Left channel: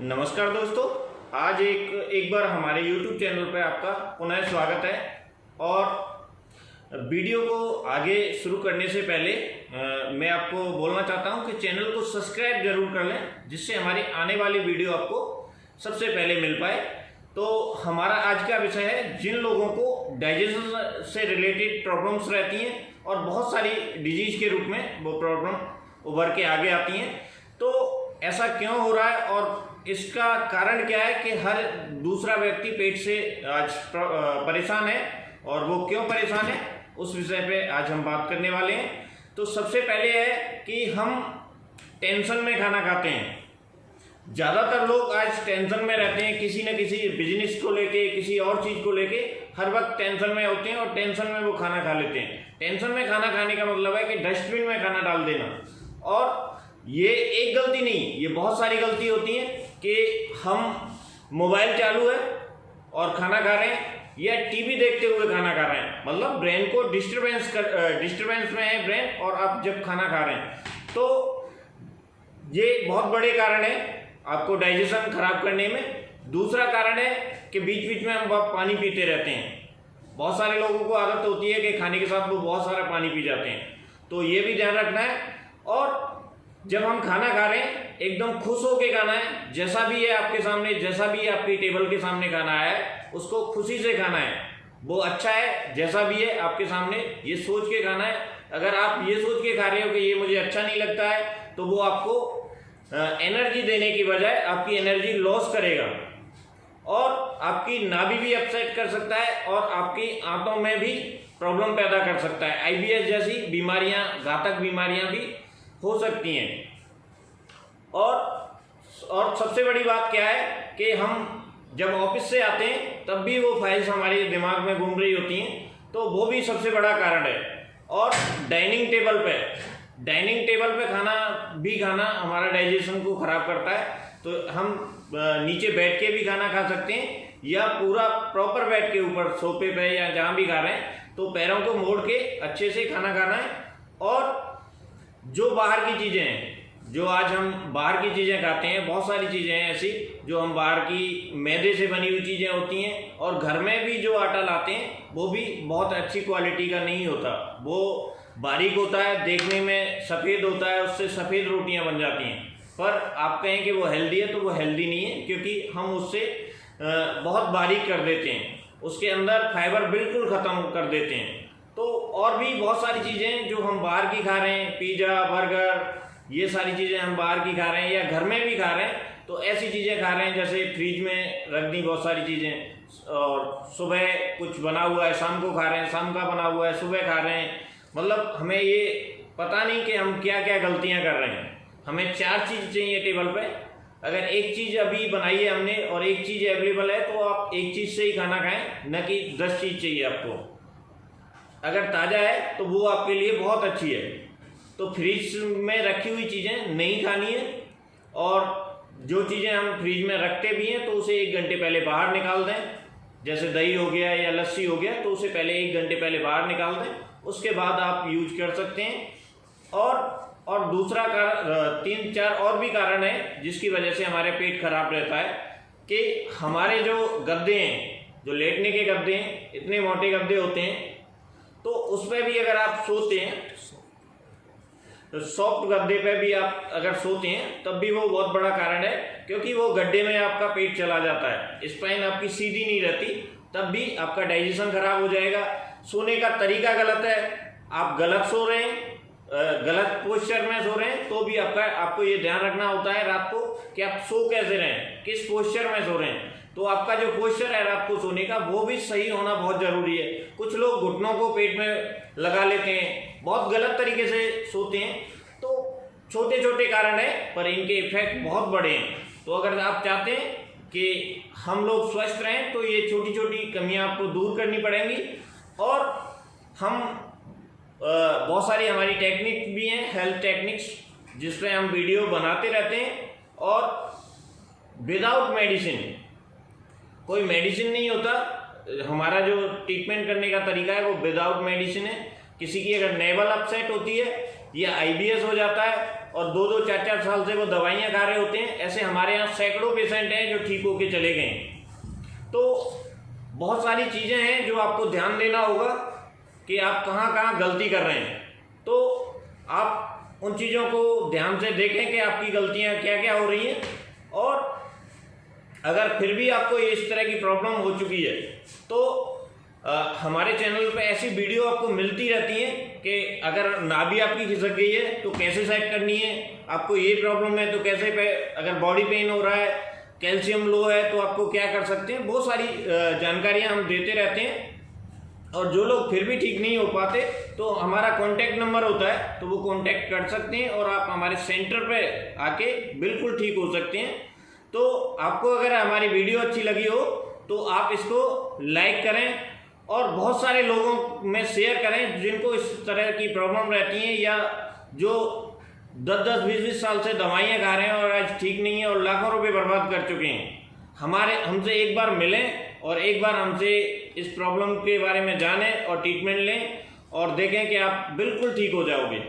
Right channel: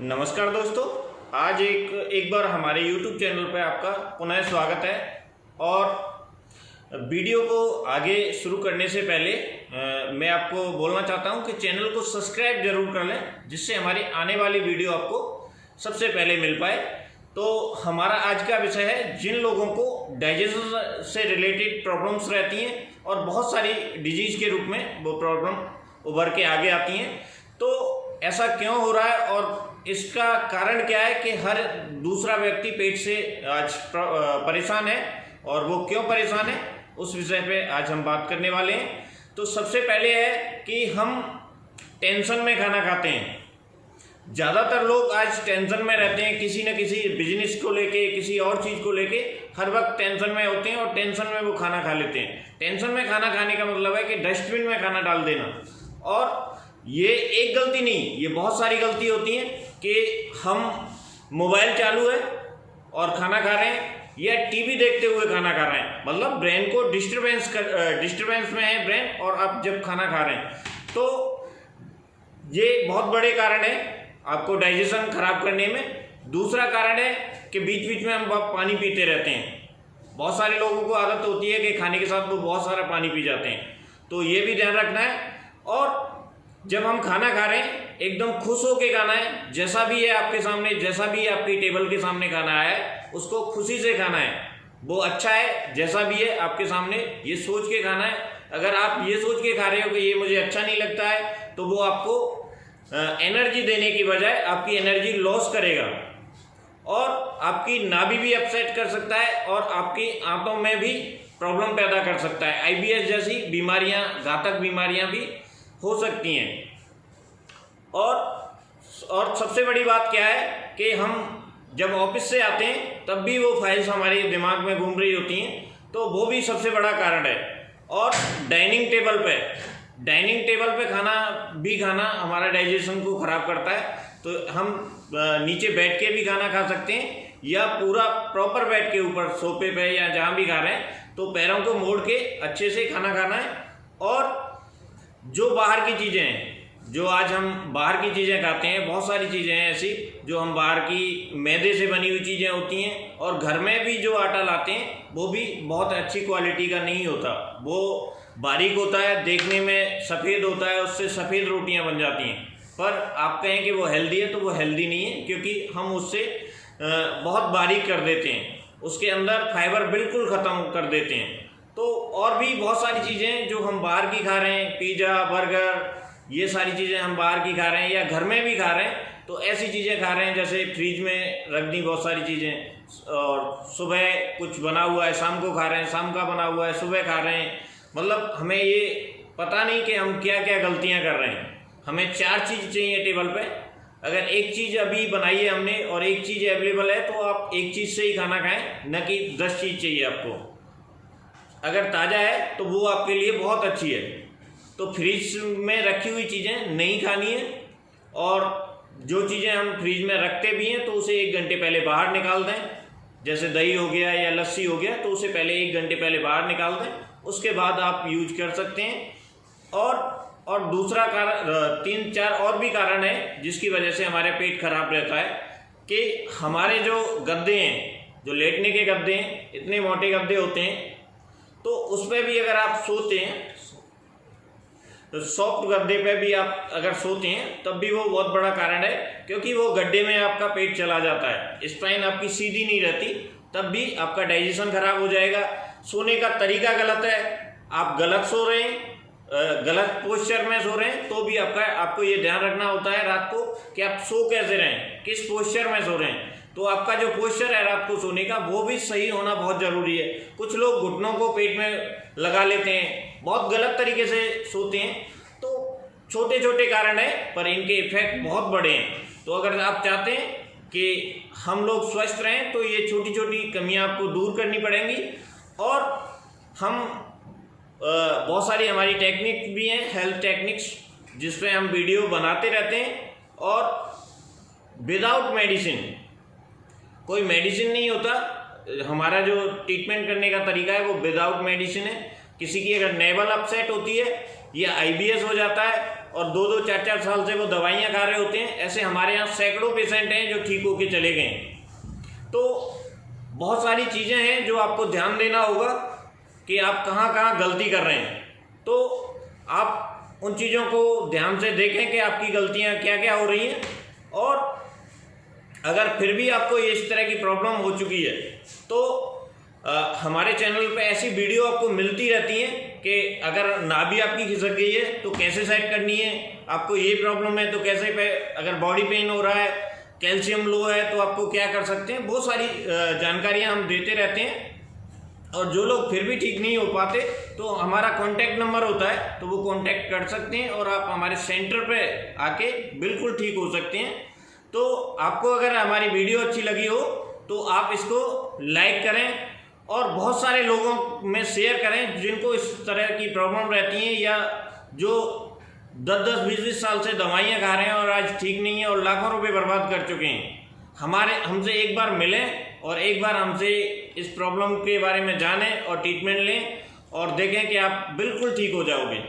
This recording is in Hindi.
नमस्कार दोस्तों, आज एक बार हमारे YouTube चैनल पर आपका पुनः स्वागत है। और वीडियो को आगे शुरू करने से पहले मैं आपको बोलना चाहता हूं कि चैनल को सब्सक्राइब जरूर कर लें, जिससे हमारी आने वाली वीडियो आपको सबसे पहले मिल पाए। तो हमारा आज का विषय है, जिन लोगों को डाइजेशन से रिलेटेड प्रॉब्लम्स रहती हैं और बहुत सारी डिजीज के रूप में वो प्रॉब्लम उभर के आगे आती हैं, तो ऐसा क्यों हो रहा है और इसका कारण क्या है कि हर दूसरा व्यक्ति पेट से आज परेशान है, और वो क्यों परेशान है उस विषय पे आज हम बात करने वाले हैं। तो सबसे पहले है कि हम टेंशन में खाना खाते हैं। ज़्यादातर लोग आज टेंशन में रहते हैं, किसी न किसी बिजनेस को लेके, किसी और चीज़ को लेके हर वक्त टेंशन में होते हैं और टेंशन में वो खाना खा लेते हैं। टेंशन में खाना खाने का मतलब है कि डस्टबिन में खाना डाल देना। और ये एक गलती नहीं, ये बहुत सारी गलती होती हैं कि हम मोबाइल चालू है और खाना खा रहे हैं, या टीवी देखते हुए खाना खा रहे हैं, मतलब ब्रेन को डिस्टरबेंस में है ब्रेन, और आप जब खाना खा रहे हैं तो ये बहुत बड़े कारण है आपको डाइजेशन खराब करने में। दूसरा कारण है कि बीच बीच में हम पानी पीते रहते हैं। बहुत सारे लोगों को आदत होती है कि खाने के साथ वो बहुत सारा पानी पी जाते हैं, तो ये भी ध्यान रखना है। और जब हम खाना खा रहे हैं एकदम खुश होके खाना है, जैसा भी है आपके सामने, जैसा भी आपकी टेबल के सामने खाना है उसको खुशी से खाना है। वो अच्छा है, जैसा भी है आपके सामने, ये सोच के खाना है। अगर आप ये सोच के खा रहे हो कि ये मुझे अच्छा नहीं लगता है, तो वो आपको एनर्जी देने की बजाय आपकी एनर्जी लॉस करेगा, और आपकी नाभि भी अपसेट कर सकता है, और आपकी आंतों में भी प्रॉब्लम पैदा कर सकता है। आईबीएस जैसी बीमारियां, घातक बीमारियां भी हो सकती हैं। और सबसे बड़ी बात क्या है कि हम जब ऑफिस से आते हैं तब भी वो फाइल्स हमारे दिमाग में घूम रही होती हैं, तो वो भी सबसे बड़ा कारण है। और डाइनिंग टेबल पे खाना हमारा डाइजेशन को खराब करता है। तो हम नीचे बैठ के भी खाना खा सकते हैं, या पूरा प्रॉपर बैठ के ऊपर सोफे पे या जहाँ भी खा रहे हैं तो पैरों को मोड़ के अच्छे से खाना खाना है। और जो बाहर की चीज़ें हैं, जो आज हम बाहर की चीज़ें खाते हैं, बहुत सारी चीज़ें हैं ऐसी जो हम बाहर की मैदे से बनी हुई चीज़ें होती हैं, और घर में भी जो आटा लाते हैं वो भी बहुत अच्छी क्वालिटी का नहीं होता। वो बारीक होता है, देखने में सफ़ेद होता है, उससे सफ़ेद रोटियां बन जाती हैं, पर आप कहें कि वो हेल्दी है तो वो हेल्दी नहीं है, क्योंकि हम उससे बहुत बारीक कर देते हैं, उसके अंदर फाइबर बिल्कुल ख़त्म कर देते हैं। तो और भी बहुत सारी चीज़ें जो हम बाहर की खा रहे हैं, पिज़्ज़ा, बर्गर, ये सारी चीज़ें हम बाहर की खा रहे हैं या घर में भी खा रहे हैं, तो ऐसी चीज़ें खा रहे हैं जैसे फ्रिज में रख दी बहुत सारी चीज़ें, और सुबह कुछ बना हुआ है शाम को खा रहे हैं, शाम का बना हुआ है सुबह खा रहे हैं। मतलब हमें ये पता नहीं कि हम क्या क्या गलतियाँ कर रहे हैं। हमें 4 चीज़ चाहिए टेबल पे। अगर एक चीज़ अभी बनाई है हमने और एक चीज़ अवेलेबल है, तो आप एक चीज़ से ही खाना खाएँ, न कि 10 चीज़ चाहिए आपको। अगर ताज़ा है तो वो आपके लिए बहुत अच्छी है। तो फ्रिज में रखी हुई चीज़ें नहीं खानी है, और जो चीज़ें हम फ्रिज में रखते भी हैं तो उसे 1 घंटे पहले बाहर निकाल दें। जैसे दही हो गया या लस्सी हो गया, तो उसे पहले 1 घंटे पहले बाहर निकाल दें, उसके बाद आप यूज कर सकते हैं। और दूसरा कारण, 3-4 और भी कारण है जिसकी वजह से हमारे पेट खराब रहता है, कि हमारे जो गद्दे हैं, जो लेटने के गद्दे हैं, इतने मोटे गद्दे होते हैं, तो उस पर भी अगर आप सोते हैं, तो सॉफ्ट गद्दे पे भी आप अगर सोते हैं तब भी वो बहुत बड़ा कारण है, क्योंकि वो गड्ढे में आपका पेट चला जाता है, स्पाइन आपकी सीधी नहीं रहती, तब भी आपका डाइजेशन खराब हो जाएगा। सोने का तरीका गलत है, आप गलत सो रहे हैं, गलत पोस्चर में सो रहे हैं, तो भी आपको ये ध्यान रखना होता है रात को कि आप सो कैसे रहे हैं, किस पोस्चर में सो रहे हैं। तो आपका जो पोस्चर है रात को सोने का, वो भी सही होना बहुत ज़रूरी है। कुछ लोग घुटनों को पेट में लगा लेते हैं, बहुत गलत तरीके से सोते हैं। तो छोटे छोटे कारण है, पर इनके इफेक्ट बहुत बड़े हैं। तो अगर आप चाहते हैं कि हम लोग स्वस्थ रहें, तो ये छोटी छोटी कमियां आपको दूर करनी पड़ेंगी। और हम बहुत सारी हमारी टेक्निक भी हैं, हेल्थ टेक्निक्स, जिसमें हम वीडियो बनाते रहते हैं। और विदाउट मेडिसिन, कोई मेडिसिन नहीं होता, हमारा जो ट्रीटमेंट करने का तरीका है वो विदाउट मेडिसिन है। किसी की अगर नेवल अपसेट होती है या आईबीएस हो जाता है, और 2-2, 4-4 साल से वो दवाइयाँ खा रहे होते हैं। ऐसे हमारे यहाँ सैकड़ों पेशेंट हैं जो ठीक होके चले गए हैं। तो बहुत सारी चीज़ें हैं जो आपको ध्यान देना होगा कि आप कहाँ कहाँ गलती कर रहे हैं। तो आप उन चीज़ों को ध्यान से देखें कि आपकी गलतियाँ क्या क्या हो रही हैं, और अगर फिर भी आपको इस तरह की प्रॉब्लम हो चुकी है तो हमारे चैनल पे ऐसी वीडियो आपको मिलती रहती हैं कि अगर नाभि आपकी खिसक गई है तो कैसे सेट करनी है, आपको ये प्रॉब्लम है तो कैसे अगर बॉडी पेन हो रहा है, कैल्शियम लो है तो आपको क्या कर सकते हैं। बहुत सारी जानकारियाँ हम देते रहते हैं। और जो लोग फिर भी ठीक नहीं हो पाते तो हमारा कॉन्टैक्ट नंबर होता है, तो वो कॉन्टैक्ट कर सकते हैं और आप हमारे सेंटर पे आके बिल्कुल ठीक हो सकते हैं। तो आपको अगर हमारी वीडियो अच्छी लगी हो तो आप इसको लाइक करें और बहुत सारे लोगों में शेयर करें जिनको इस तरह की प्रॉब्लम रहती हैं या जो 10-10, 20-20 साल से दवाइयाँ खा रहे हैं और आज ठीक नहीं है और लाखों रुपए बर्बाद कर चुके हैं। हमसे एक बार मिलें और एक बार हमसे इस प्रॉब्लम के बारे में जानें और ट्रीटमेंट लें और देखें कि आप बिल्कुल ठीक हो जाओगे।